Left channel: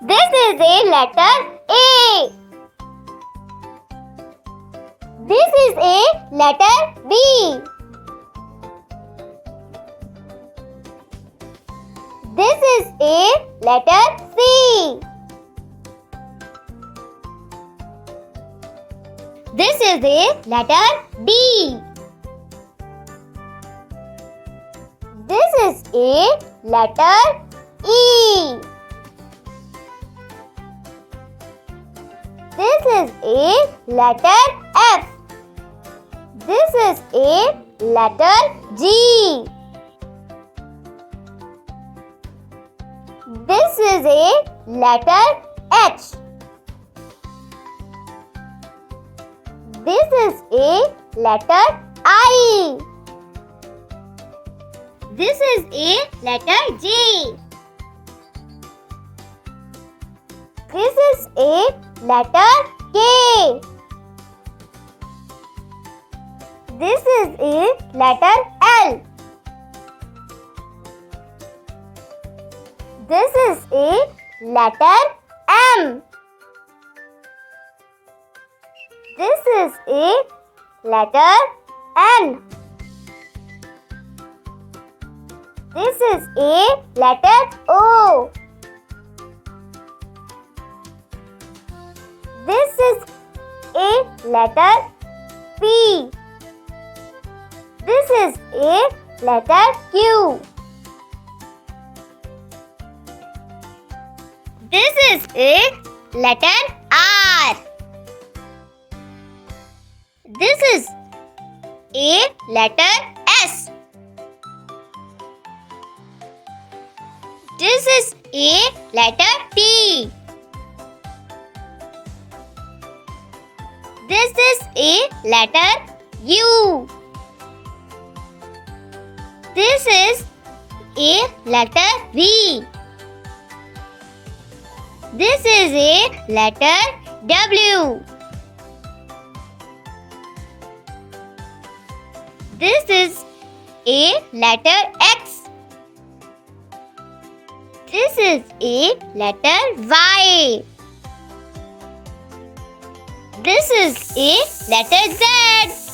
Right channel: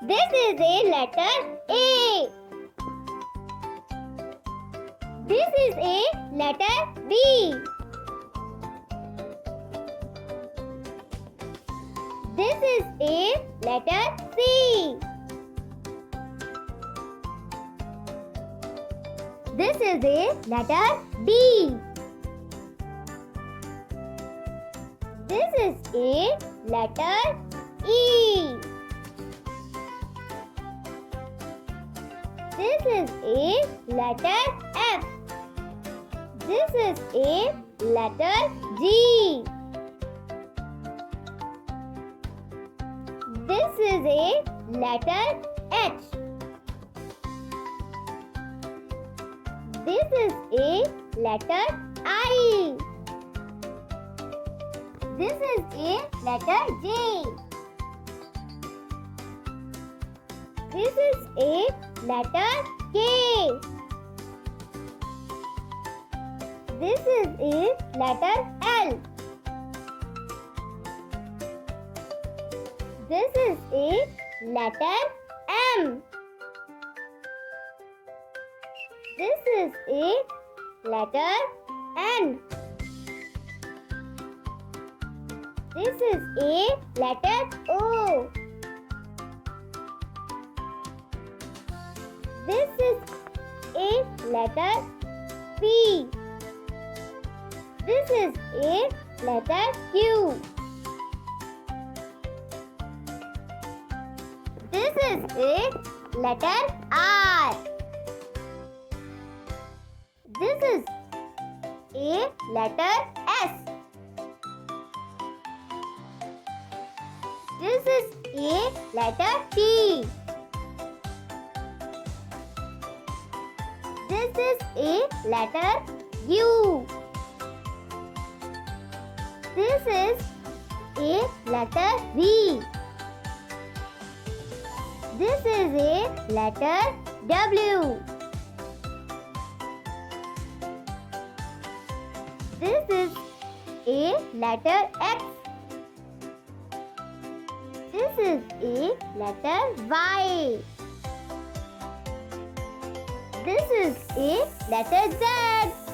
This is a letter A. This is a letter B. This is a letter C. This is a letter D. This is a letter E. This is a letter F. This is a letter G. This is a letter H. This is a letter I. This is a letter J. This is a letter K. This is a letter L. This is a letter M. This is a letter N. This is a letter O. This is a letter P. This is a letter Q. This is a letter R. This is a letter S. This is a letter T. This is a letter U. This is a letter V. This is a letter W. This is a letter X. This is a letter Y. This is a letter Z.